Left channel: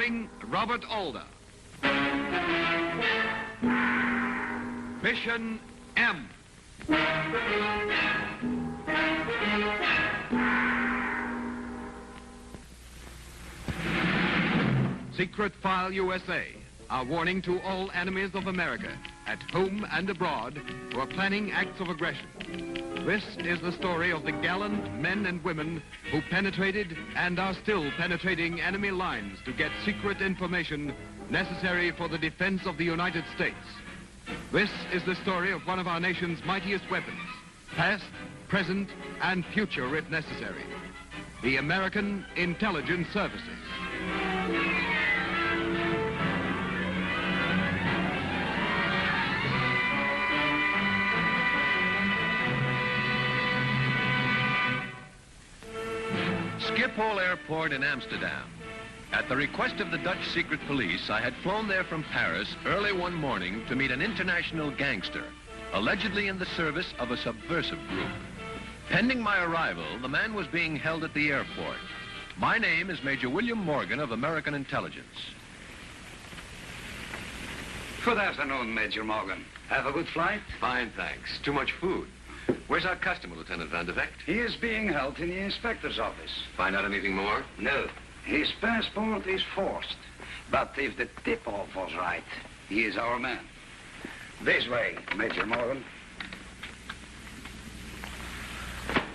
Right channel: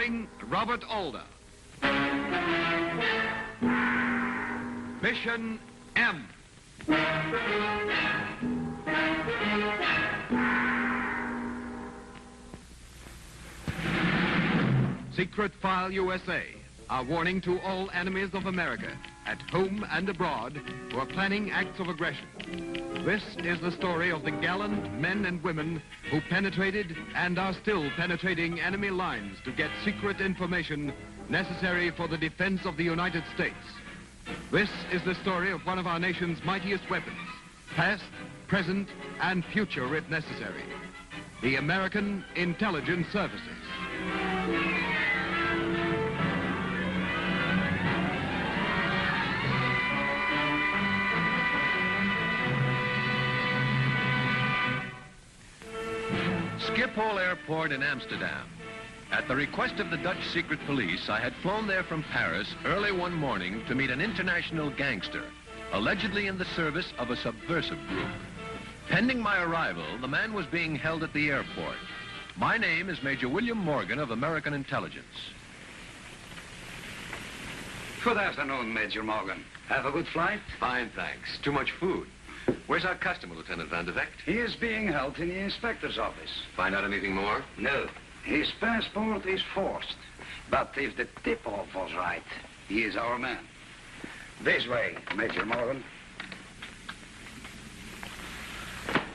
starring Robert Alder. Mission M. Secret File USA. A warning to all enemies of America, at home and abroad, who are planning acts of aggression. This is the story of the gallant men and women who penetrated and are still penetrating enemy lines to get secret information necessary for the defense of the United States. This is the story of one of our nation's mightiest weapons, past, present, and future if necessary. The American Intelligence Services. Schiphol Airport in Amsterdam. At the request of the Dutch secret police, I had flown there from Paris early one morning to meet an international gangster, allegedly in the service of a subversive group. Pending my arrival, the man was being held at the airport. My name is Major William Morgan of American Intelligence. Good afternoon, Major Morgan. Have a good flight? Fine, thanks. Too much food. Where's our customer, Lieutenant Van de Vecht? He is being held in the inspector's office. Find out anything more? No. His passport is forced. But if the tip-off was right, he is our man. This way, Major Morgan.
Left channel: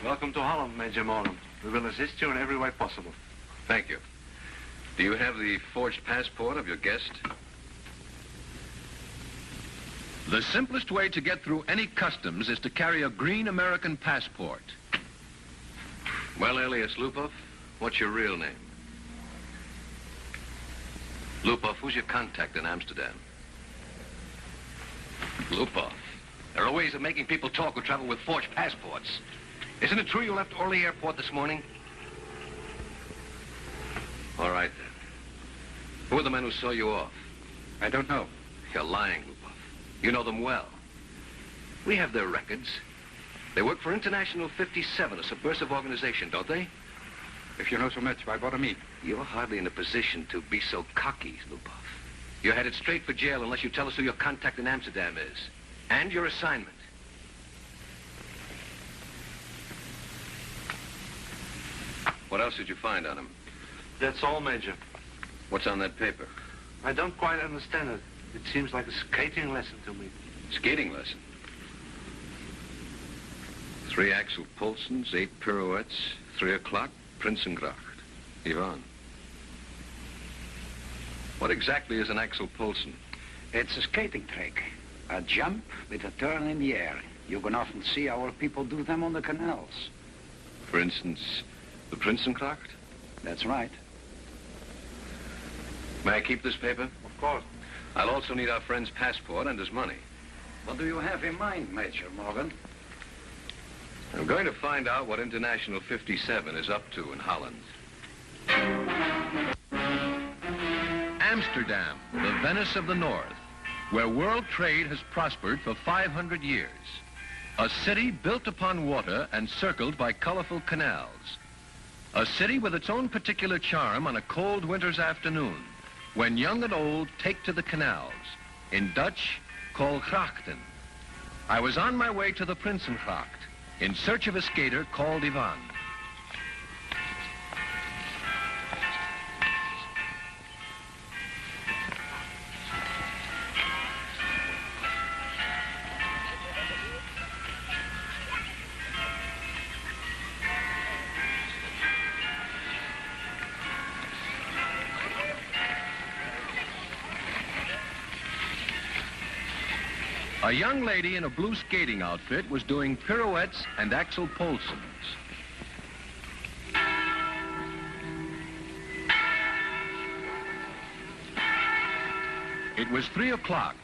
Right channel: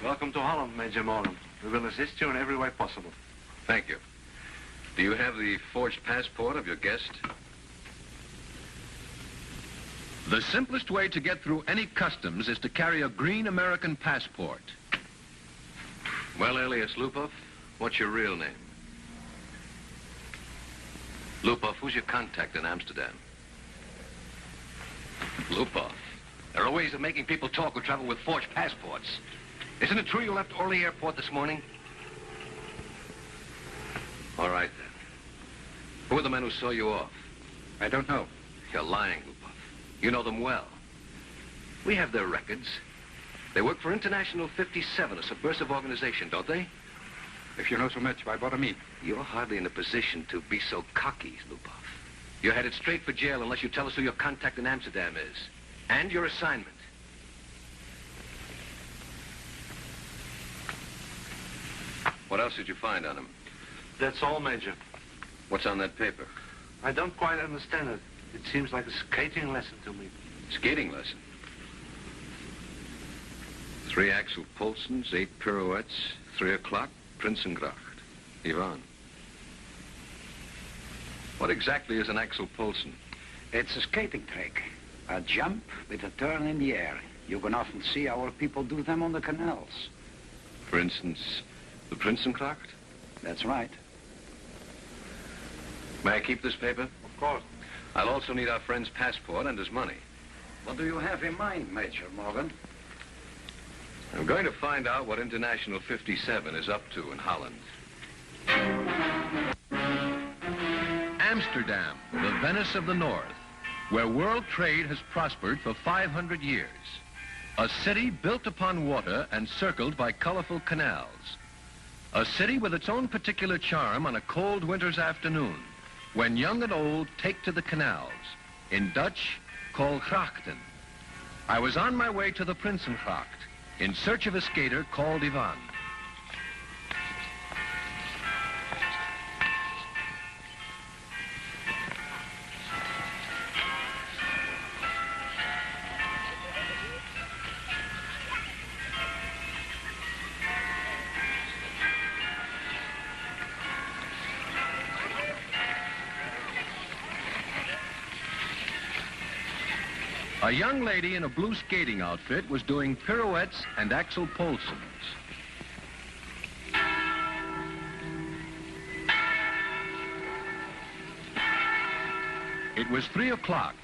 Welcome to Holland, Major Morgan. We will assist you in every way possible. Thank you. Do you have the forged passport of your guest? The simplest way to get through any customs is to carry a green American passport. Well, alias Lupov, what's your real name? Lupov, who's your contact in Amsterdam? Lupov, there are ways of making people talk who travel with forged passports. Isn't it true you left Orly Airport this morning? All right, then. Who are the men who saw you off? I don't know. You're lying, Lupov. You know them well. We have their records. They work for International 57, a subversive organization, don't they? If you know so much, why bother me? You're hardly in a position to be so cocky, Lupov. You're headed straight for jail unless you tell us who your contact in Amsterdam is. And your assignment. What else did you find on him? That's all, Major. What's on that paper? I don't quite understand it. It seems like a skating lesson to me. Skating lesson. 3 Axel Poulsens, 8 pirouettes, 3 o'clock, Prinsengracht. Ivan. What exactly is an Axel Poulsen? It's a skating trick. A jump with a turn in the air. You can often see our people do them on the canals. For instance, the Prinsengracht? That's right. May I keep this paper? Of course. I'll also need our friend's passport and his money. What do you have in mind, Major Morgan? I'm going to find out what International 57 is up to in Holland. Amsterdam, the Venice of the North, where world trade has prospered for 500 years. A city built upon water and circled by colorful canals. A city with its own particular charm on a cold winter's afternoon, when young and old take to the canals, in Dutch called grachten. I was on my way to the Prinsengracht, in search of a skater called Ivan. A young lady in a blue skating outfit was doing pirouettes and Axel Poulsens. It was 3 o'clock.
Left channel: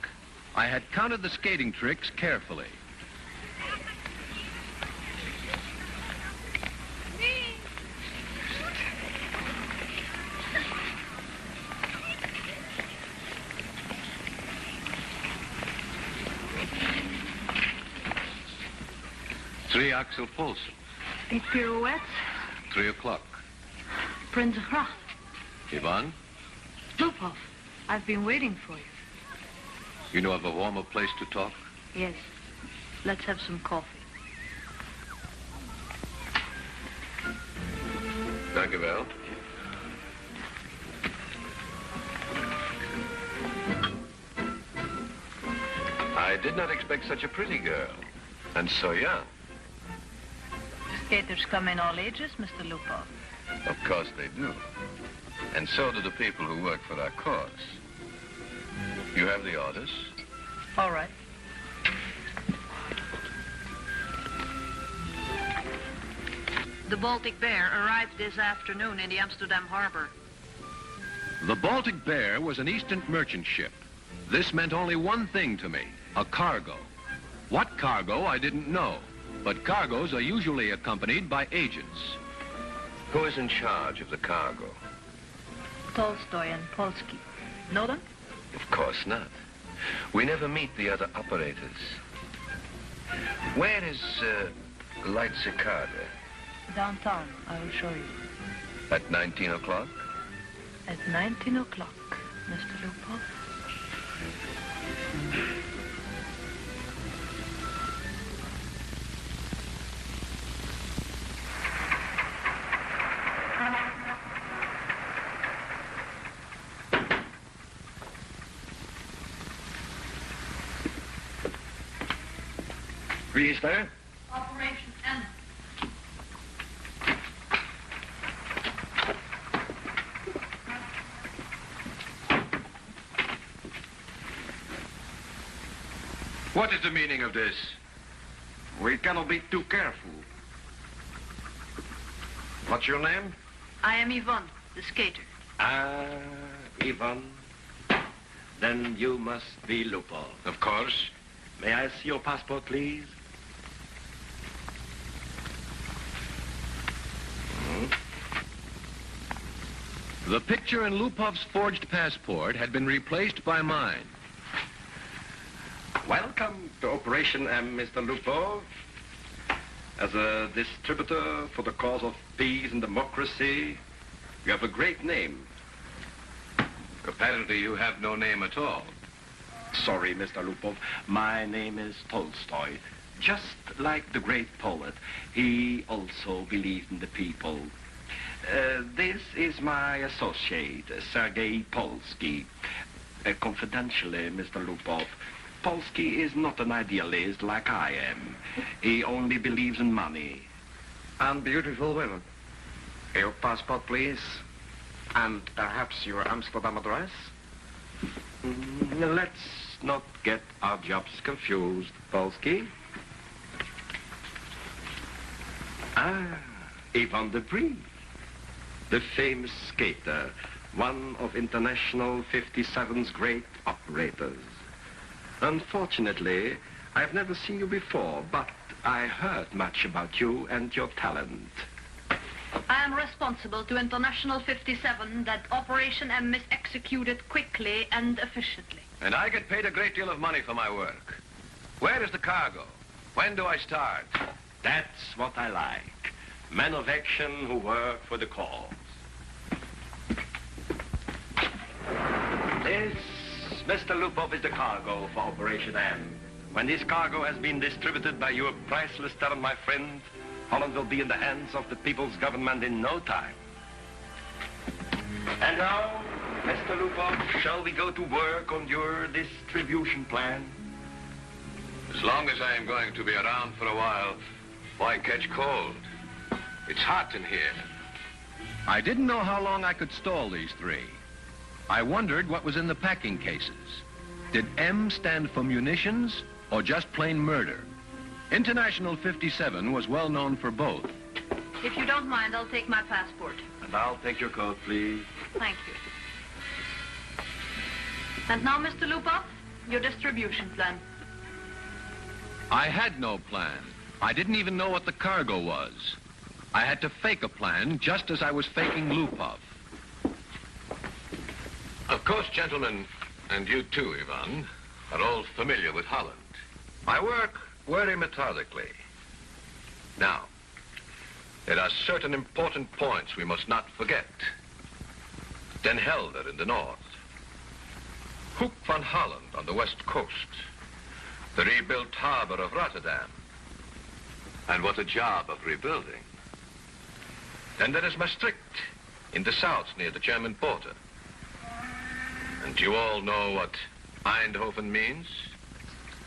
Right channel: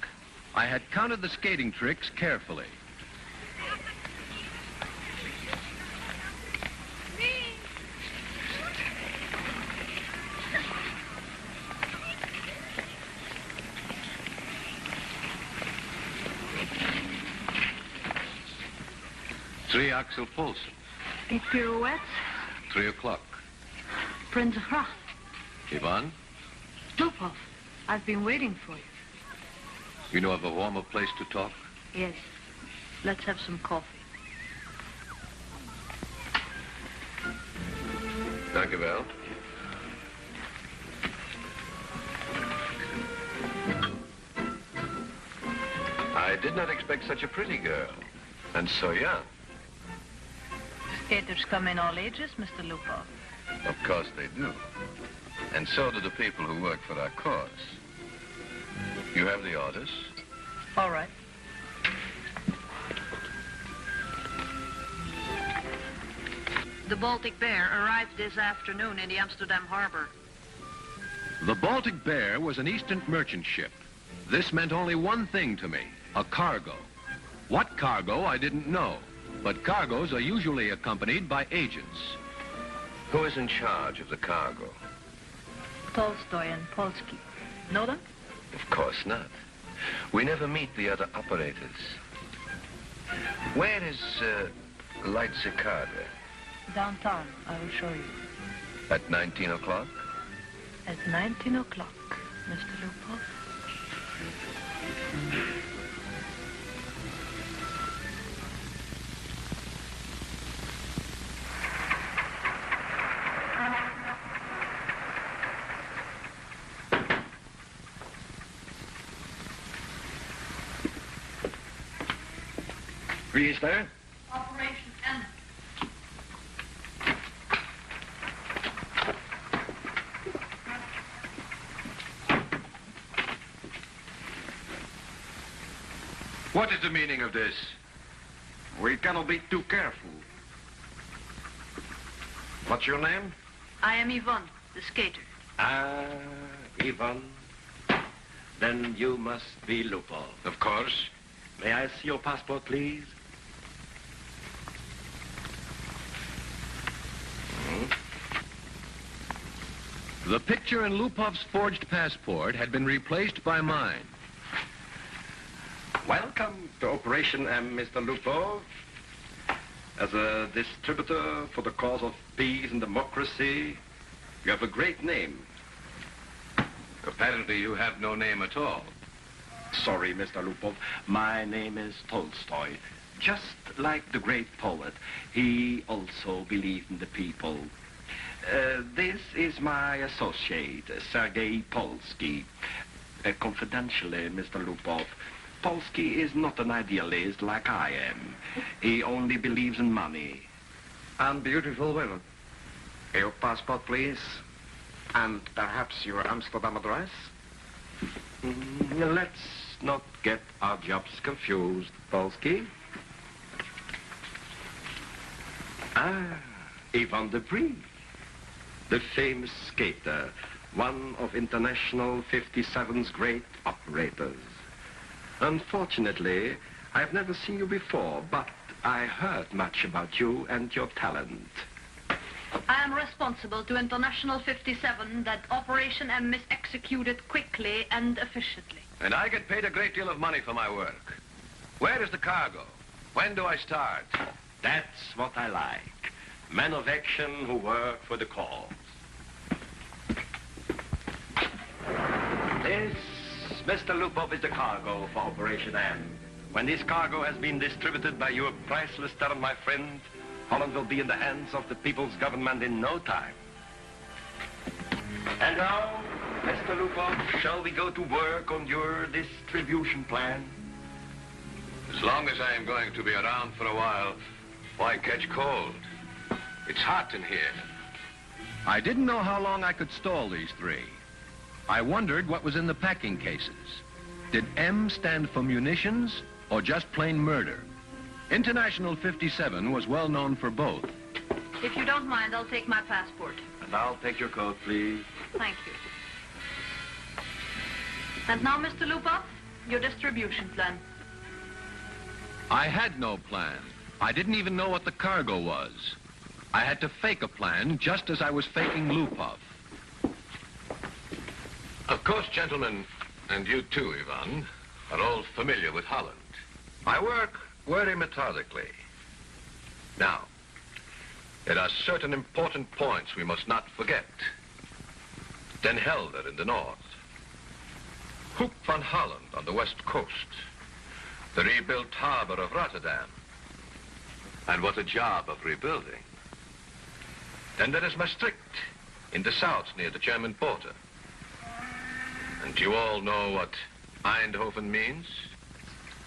I had counted the skating tricks carefully. Three Axel Poulsen. 8 pirouettes. 3 o'clock. Prinsengracht. Ivan? Lupov, I've been waiting for you. You know of a warmer place to talk? Yes. Let's have some coffee. Thank you, Val. I did not expect such a pretty girl. And so young. Skaters come in all ages, Mr. Lupov. Of course they do. And so do the people who work for our cause. You have the orders? All right. The Baltic Bear arrived this afternoon in the Amsterdam harbor. The Baltic Bear was an Eastern merchant ship. This meant only one thing to me, a cargo. What cargo, I didn't know. But cargoes are usually accompanied by agents. Who is in charge of the cargo? Tolstoy and Polsky. Know them? Of course not. We never meet the other operators. Where is Light Cicada? Downtown, I will show you. At 19 o'clock? At 19 o'clock, Mr. Lupov. Is there? Operation M. What is the meaning of this? We cannot be too careful. What's your name? I am Ivan, the skater. Ah, Ivan. Then you must be Lupov. Of course. May I see your passport, please? The picture in Lupov's forged passport had been replaced by mine. Welcome to Operation M, Mr. Lupov. As a distributor for the cause of peace and democracy, you have a great name. Apparently you have no name at all. Sorry, Mr. Lupov. My name is Tolstoy. Just like the great poet, he also believed in the people. This is my associate, Sergei Polsky. Confidentially, Mr. Lupov, Polsky is not an idealist like I am. He only believes in money. And beautiful women. Your passport, please. And perhaps your Amsterdam address? Let's not get our jobs confused, Polsky. Ah, Ivan Dupree, the famous skater, one of International 57's great operators. Unfortunately, I've never seen you before, but I heard much about you and your talent. I am responsible to International 57 that Operation M is executed quickly and efficiently. And I get paid a great deal of money for my work. Where is the cargo? When do I start? That's what I like. Men of action who work for the cause. This, Mr. Lupov, is the cargo for Operation M. When this cargo has been distributed by your priceless talent, my friend, Holland will be in the hands of the people's government in no time. And now, Mr. Lupov, shall we go to work on your distribution plan? As long as I am going to be around for a while, why catch cold? It's hot in here. I didn't know how long I could stall these three. I wondered what was in the packing cases. Did M stand for munitions or just plain murder? International 57 was well known for both. If you don't mind, I'll take my passport. And I'll take your coat, please. Thank you. And now, Mr. Lupov, your distribution plan. I had no plan. I didn't even know what the cargo was. I had to fake a plan just as I was faking Lupov. Of course, gentlemen, and you too, Ivan, are all familiar with Holland. I work very methodically. Now, there are certain important points we must not forget. Den Helder in the north, Hoek van Holland on the west coast, the rebuilt harbor of Rotterdam. And what a job of rebuilding. Then there is Maastricht in the south near the German border. And you all know what Eindhoven means?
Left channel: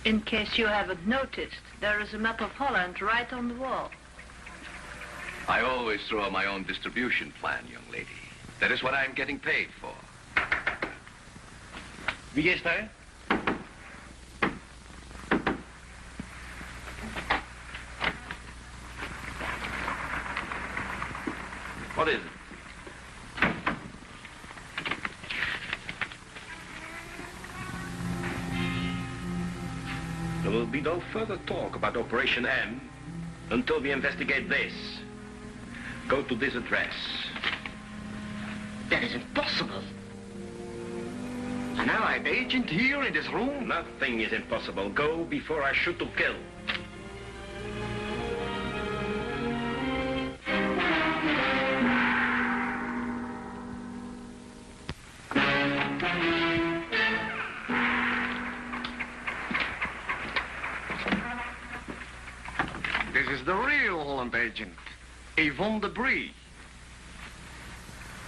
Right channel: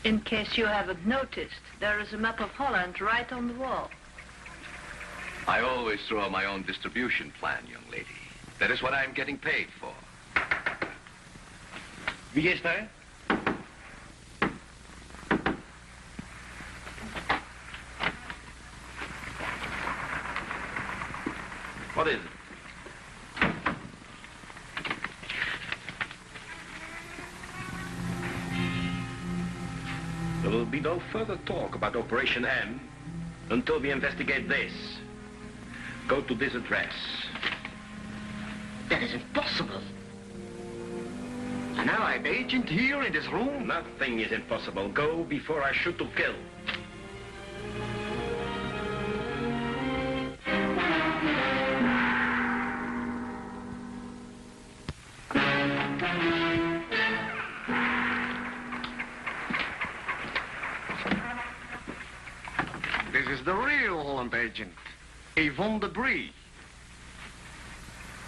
In case you haven't noticed, there is a map of Holland right on the wall. I always throw my own distribution plan, young lady. That is what I'm getting paid for. Wie is daar? What is it? There will be no further talk about Operation M until we investigate this. Go to this address. That is impossible. An Allied agent here in this room? Nothing is impossible. Go before I shoot to kill. This is the real Holland agent, Yvonne de Brie.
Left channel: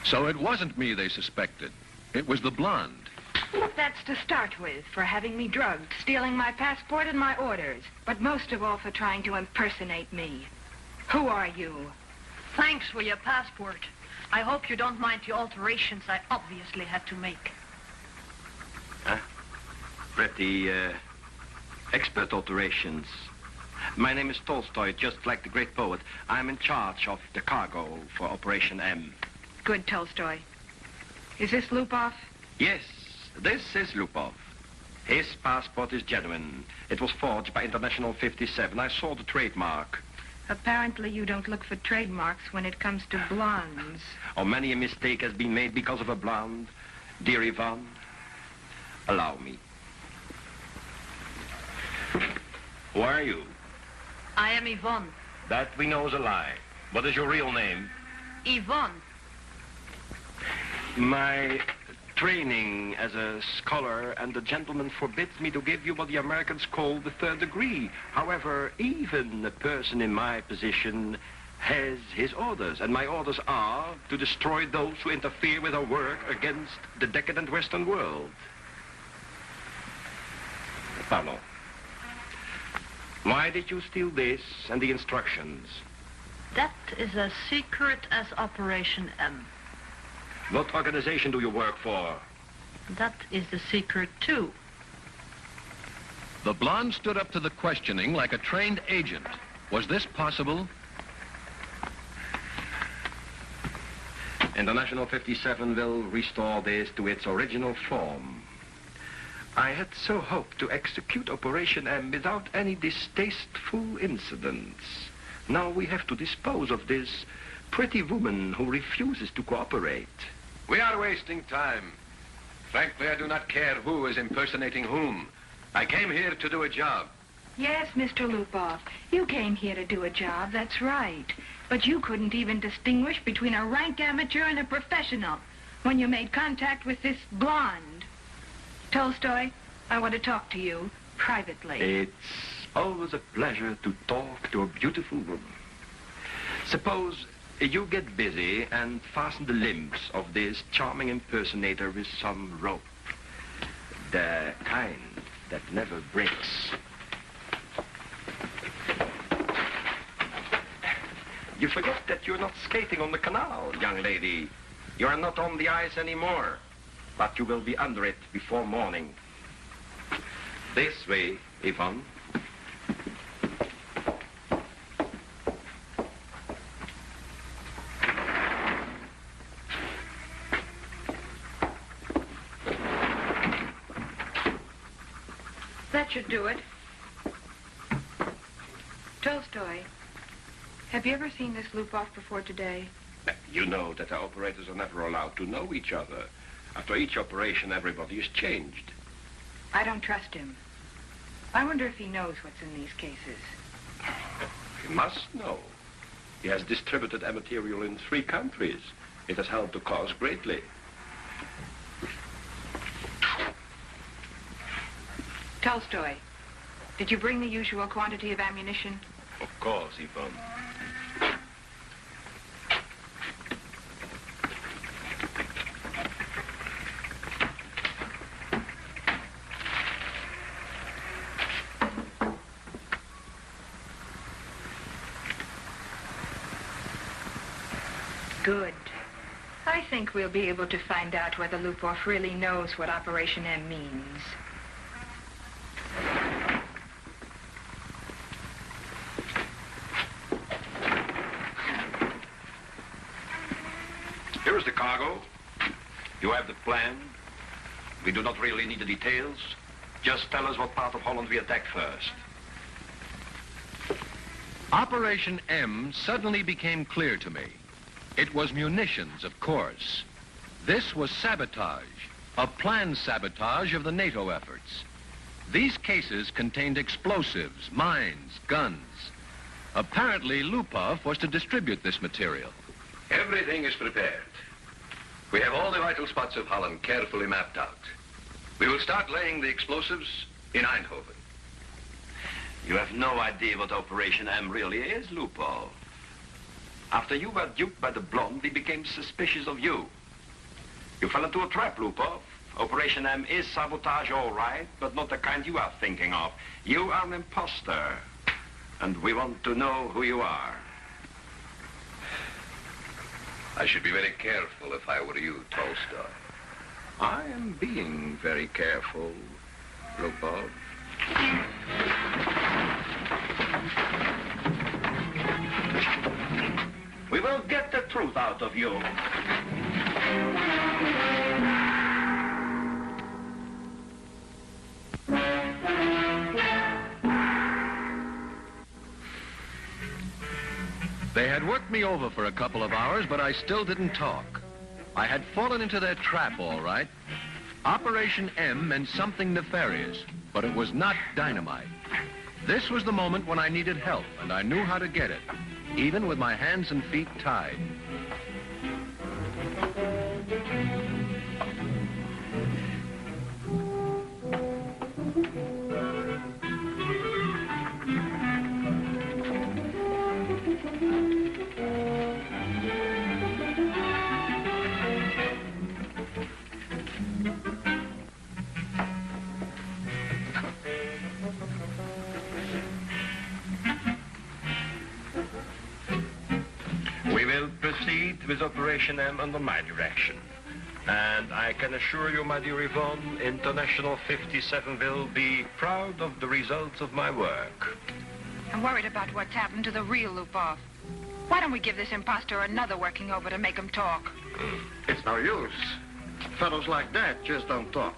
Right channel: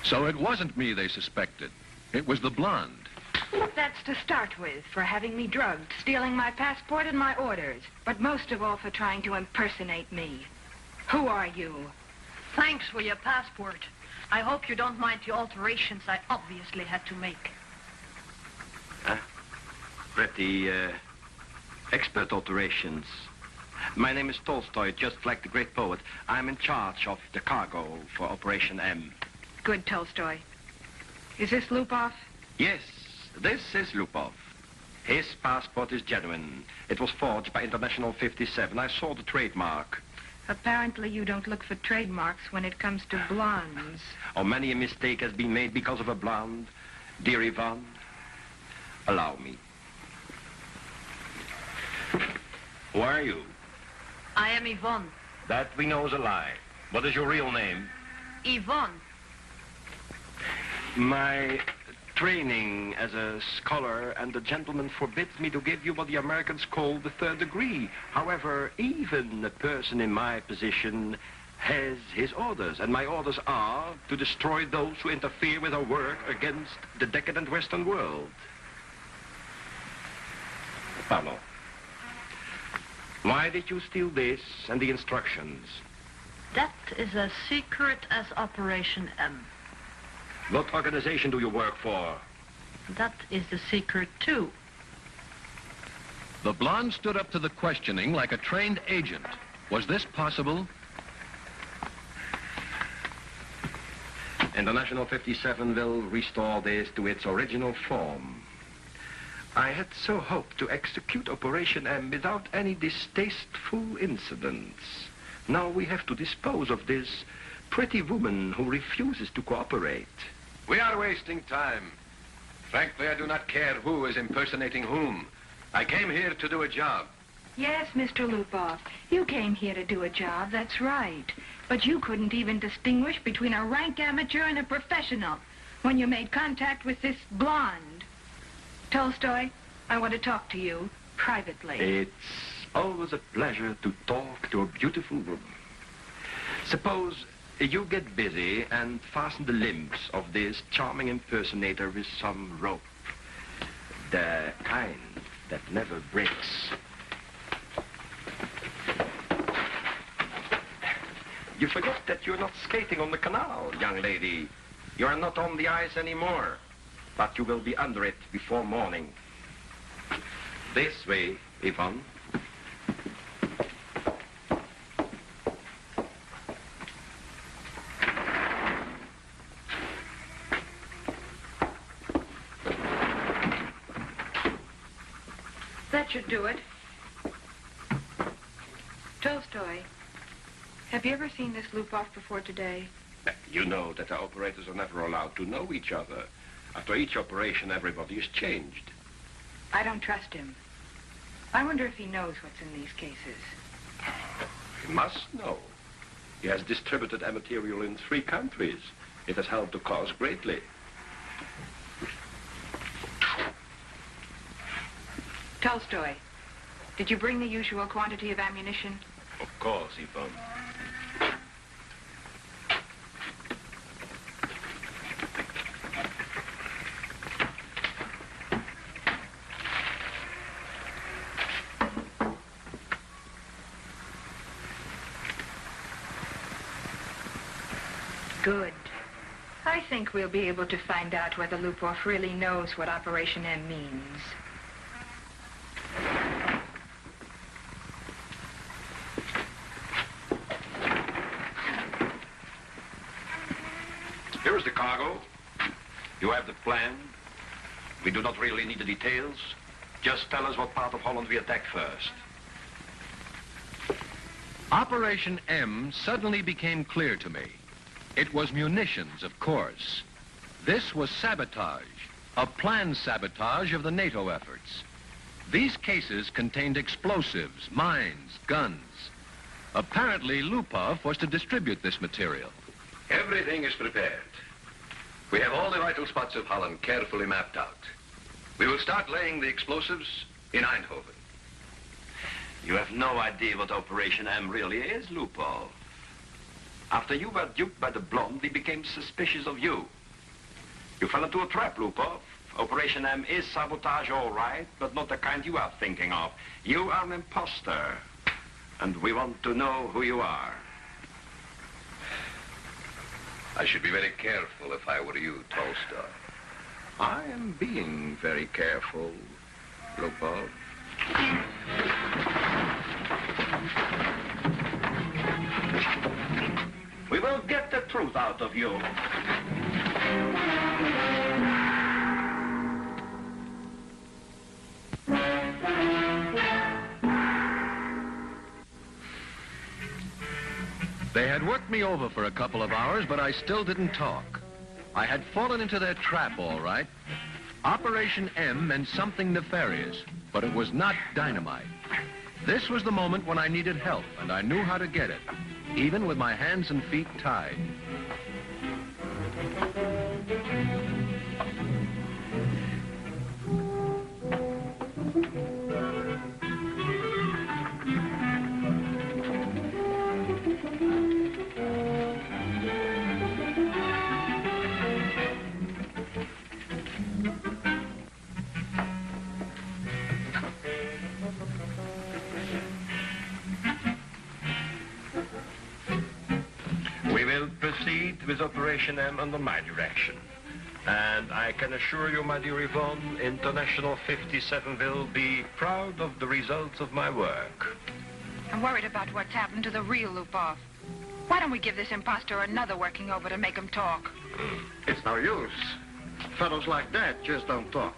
So it wasn't me they suspected. It was the blonde. That's to start with, for having me drugged, stealing my passport and my orders, but most of all for trying to impersonate me. Who are you? Thanks for your passport. I hope you don't mind the alterations I obviously had to make. Pretty, expert alterations. My name is Tolstoy, just like the great poet. I'm in charge of the cargo for Operation M. Good, Tolstoy. Is this Lupov? Yes, this is Lupov. His passport is genuine. It was forged by International 57. I saw the trademark. Apparently you don't look for trademarks when it comes to blondes. Oh, many a mistake has been made because of a blonde. Dear Yvonne, allow me. Who are you? I am Yvonne. That we know is a lie. What is your real name? Yvonne. My training as a scholar and a gentleman forbids me to give you what the Americans call the third degree. However, even a person in my position has his orders, and my orders are to destroy those who interfere with our work against the decadent Western world. Pardon. Why did you steal this and the instructions? That is as secret as Operation M. What organization do you work for? That is the secret, too. The blonde stood up to the questioning like a trained agent. Was this possible? International 57 will restore this to its original form. I had so hoped to execute Operation M without any distasteful incidents. Now we have to dispose of this pretty woman who refuses to cooperate. We are wasting time. Frankly, I do not care who is impersonating whom. I came here to do a job. Yes, Mr. Lupov, you came here to do a job, that's right. But you couldn't even distinguish between a rank amateur and a professional when you made contact with this blonde. Tolstoy, I want to talk to you privately. It's always a pleasure to talk to a beautiful woman. Suppose you get busy and fasten the limbs of this charming impersonator with some rope. The kind that never breaks. You forget that you're not skating on the canal, young lady. You are not on the ice anymore. But you will be under it before morning. This way, Yvonne. That should do it. Tolstoy, have you ever seen this Lupov before today? You know that the operators are never allowed to know each other. After each operation, everybody is changed. I don't trust him. I wonder if he knows what's in these cases. He must know. He has distributed that material in 3 countries. It has helped the cause greatly. Tolstoy, did you bring the usual quantity of ammunition? Of course, Yvonne. Good. I think we'll be able to find out whether Lupov really knows what Operation M means. Here's the cargo. You have the plan. We do not really need the details. Just tell us what part of Holland we attack first. Operation M suddenly became clear to me. It was munitions, of course. This was sabotage, a planned sabotage of the NATO efforts. These cases contained explosives, mines, guns. Apparently, Lupov was to distribute this material. Everything is prepared. We have all the vital spots of Holland carefully mapped out. We will start laying the explosives in Eindhoven. You have no idea what Operation M really is, Lupov. After you were duped by the blonde, we became suspicious of you. You fell into a trap, Lupov. Operation M is sabotage, all right, but not the kind you are thinking of. You are an imposter, and we want to know who you are. I should be very careful if I were you, Tolstoy. I am being very careful, Lupov. We will get the truth out of you. They had worked me over for a couple of hours, but I still didn't talk. I had fallen into their trap, all right. Operation M meant something nefarious, but it was not dynamite. This was the moment when I needed help, and I knew how to get it, even with my hands and feet tied. Proceed with Operation M under my direction. And I can assure you, my dear Yvonne, International 57 will be proud of the results of my work. I'm worried about what's happened to the real Lupov. Why don't we give this imposter another working over to make him talk? It's no use. Fellows like that just don't talk.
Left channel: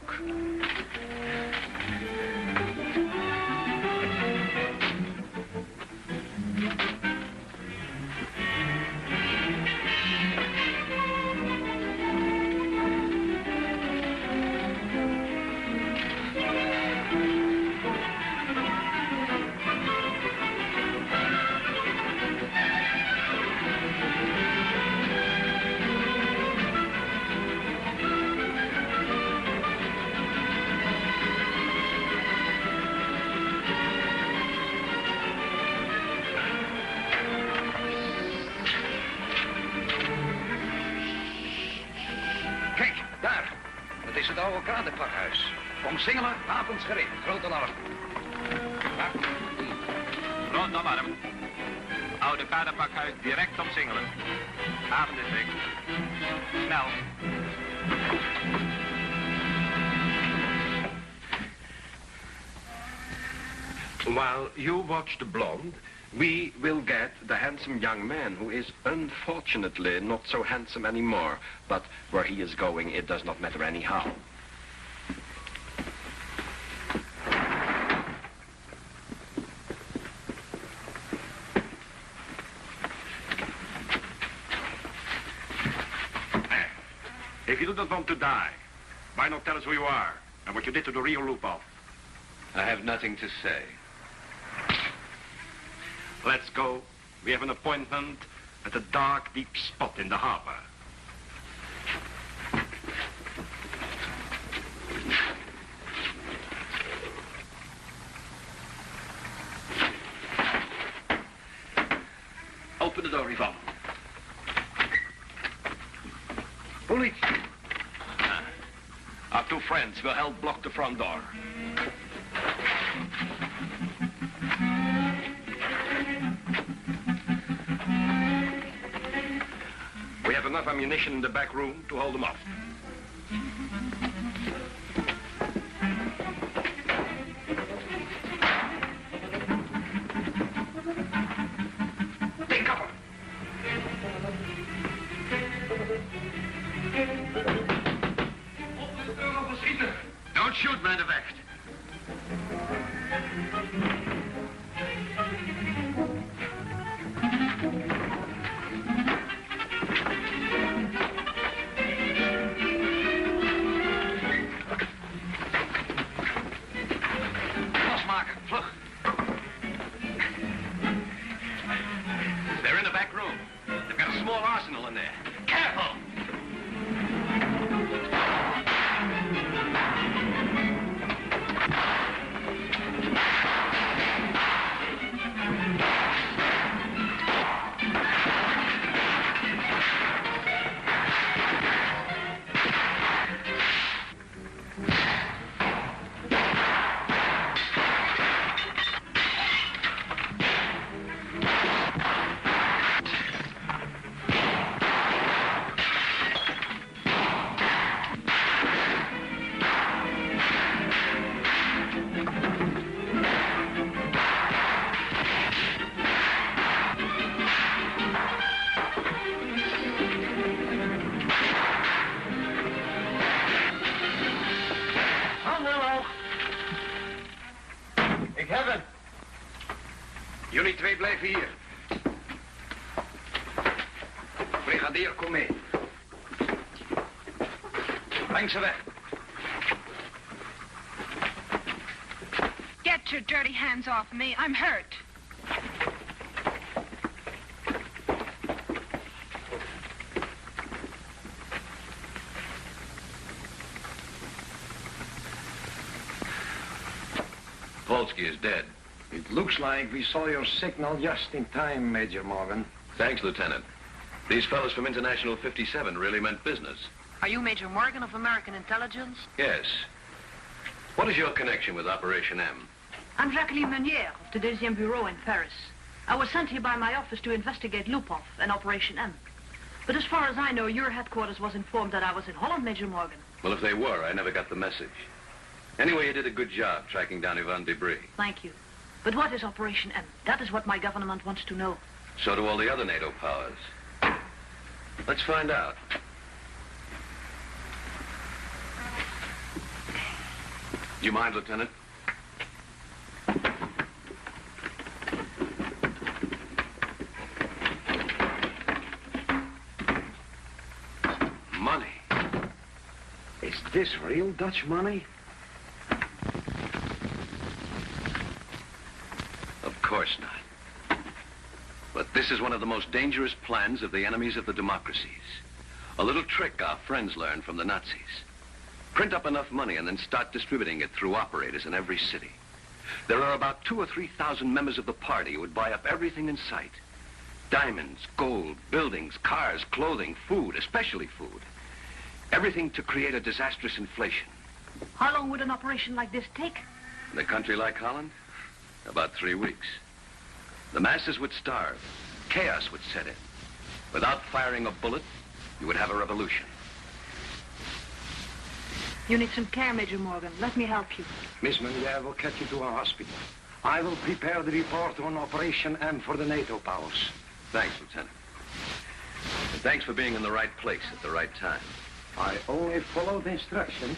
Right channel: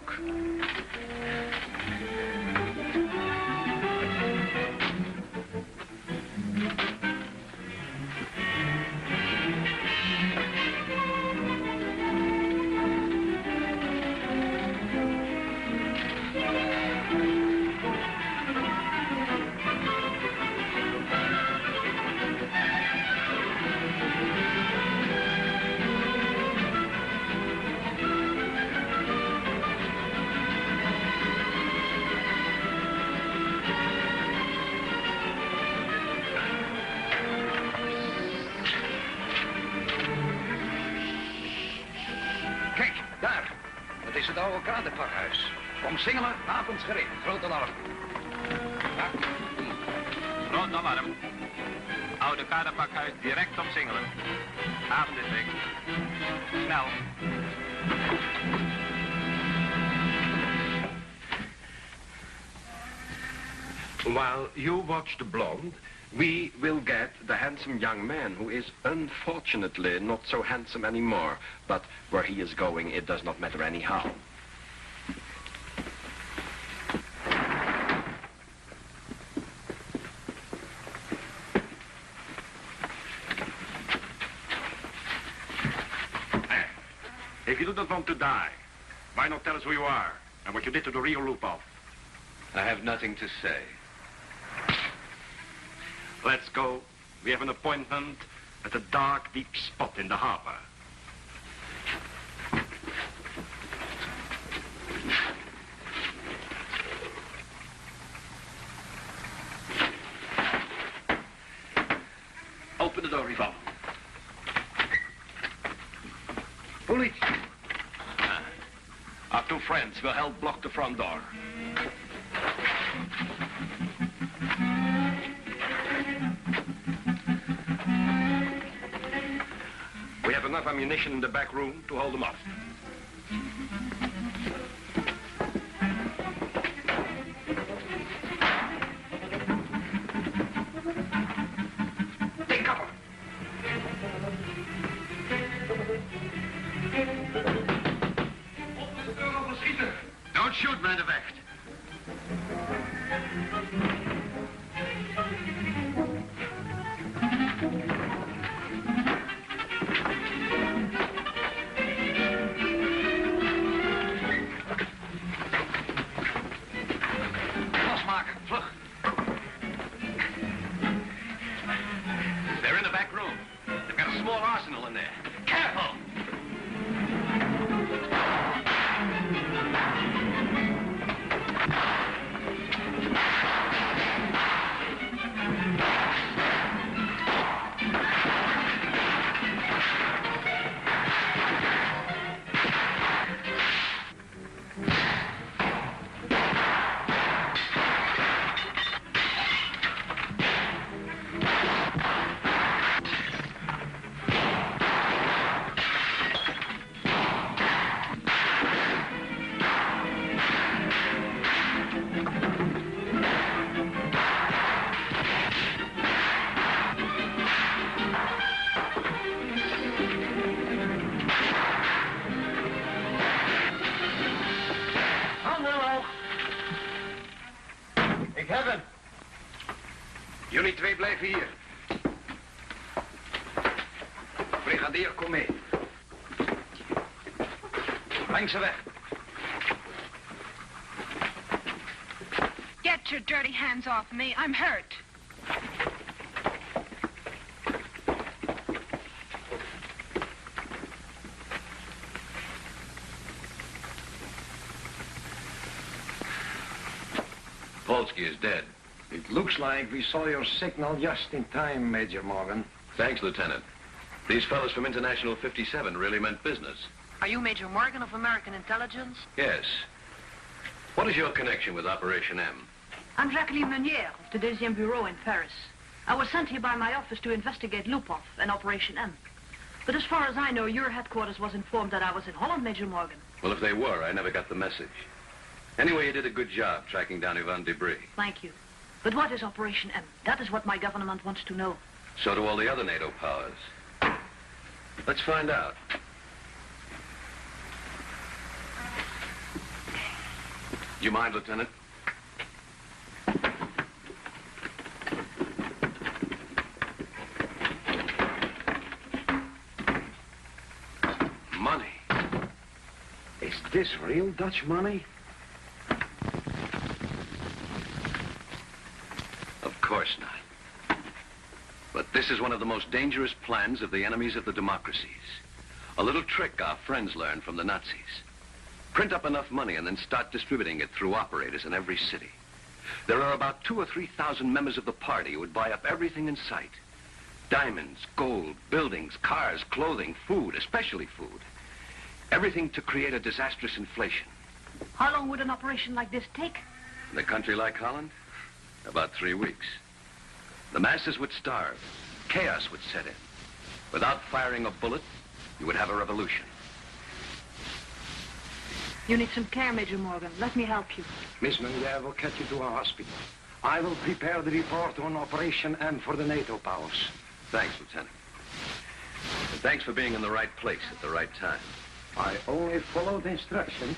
Omsingelen, avondsgereed. Grote norm. Rond alarm. Oude paardenpakhuis direct omsingelen. Avondindex. Snel. While you watch the blonde, we will get the handsome young man who is unfortunately not so handsome anymore. But where he is going, it does not matter anyhow. If you do not want to die, why not tell us who you are and what you did to the real Lupov? I have nothing to say. Let's go. We have an appointment at a dark, deep spot in the harbor. Police. Our two friends will help block the front door. We have enough ammunition in the back room to hold them off. Take cover. Don't shoot, man of act. Mark, look. They're in the back room. They've got a small arsenal in there. Careful! Ik heb hem. Jullie twee blijven hier. Brigadier, kom mee. Breng ze weg. Get your dirty hands off me. I'm hurt. Polsky is dead. It looks like we saw your signal just in time, Major Morgan. Thanks, Lieutenant. These fellows from International 57 really meant business. Are you Major Morgan of American Intelligence? Yes. What is your connection with Operation M? I'm Jacqueline Meunier of the Deuxième Bureau in Paris. I was sent here by my office to investigate Lupov and Operation M. But as far as I know, your headquarters was informed that I was in Holland, Major Morgan. Well, if they were, I never got the message. Anyway, you did a good job tracking down Ivan Debris. Thank you. But what is Operation M? That is what my government wants to know. So do all the other NATO powers. Let's find out. Do you mind, Lieutenant? Money. Is this real Dutch money? Of course not. But this is one of the most dangerous plans of the enemies of the democracies. A little trick our friends learned from the Nazis. Print up enough money and then start distributing it through operators in every city. There are about 2,000 or 3,000 members of the party who would buy up everything in sight. Diamonds, gold, buildings, cars, clothing, food, especially food. Everything to create a disastrous inflation. How long would an operation like this take? In a country like Holland? About 3 weeks. The masses would starve. Chaos would set in. Without firing a bullet, you would have a revolution. You need some care, Major Morgan. Let me help you. Miss Meunier will get you to our hospital. I will prepare the report on Operation M for the NATO powers. Thanks, Lieutenant. And thanks for being in the right place at the right time. I only followed instructions.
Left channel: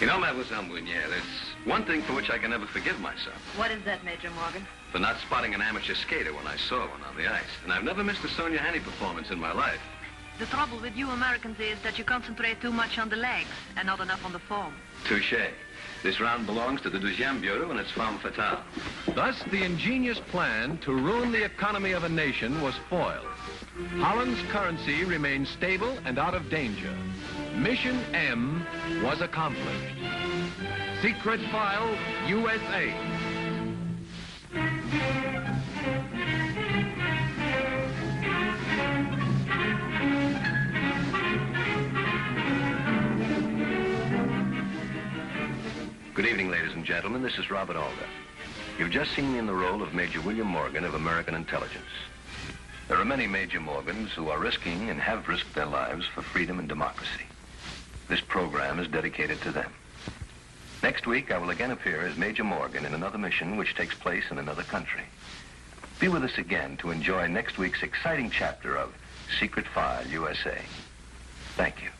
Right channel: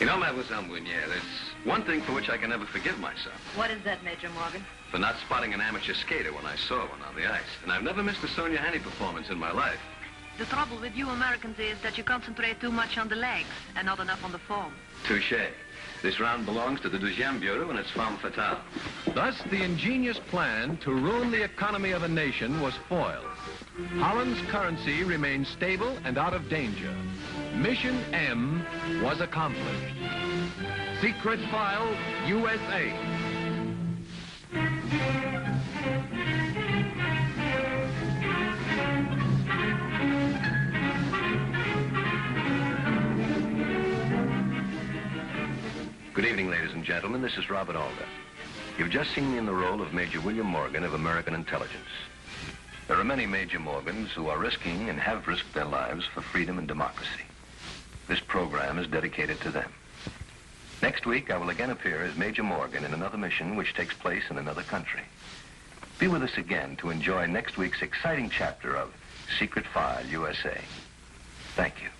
You know, Mademoiselle Meunier, there's one thing for which I can never forgive myself. What is that, Major Morgan? For not spotting an amateur skater when I saw one on the ice. And I've never missed a Sonia Haney performance in my life. The trouble with you Americans is that you concentrate too much on the legs and not enough on the form. Touché. This round belongs to the Deuxième Bureau and its femme fatale. Thus, the ingenious plan to ruin the economy of a nation was foiled. Holland's currency remained stable and out of danger. Mission M was accomplished. Secret File, USA. and gentlemen, this is Robert Alder. You've just seen me in the role of Major William Morgan of American Intelligence. There are many Major Morgans who are risking and have risked their lives for freedom and democracy. This program is dedicated to them. Next week, I will again appear as Major Morgan in another mission which takes place in another country. Be with us again to enjoy next week's exciting chapter of Secret File USA. Thank you.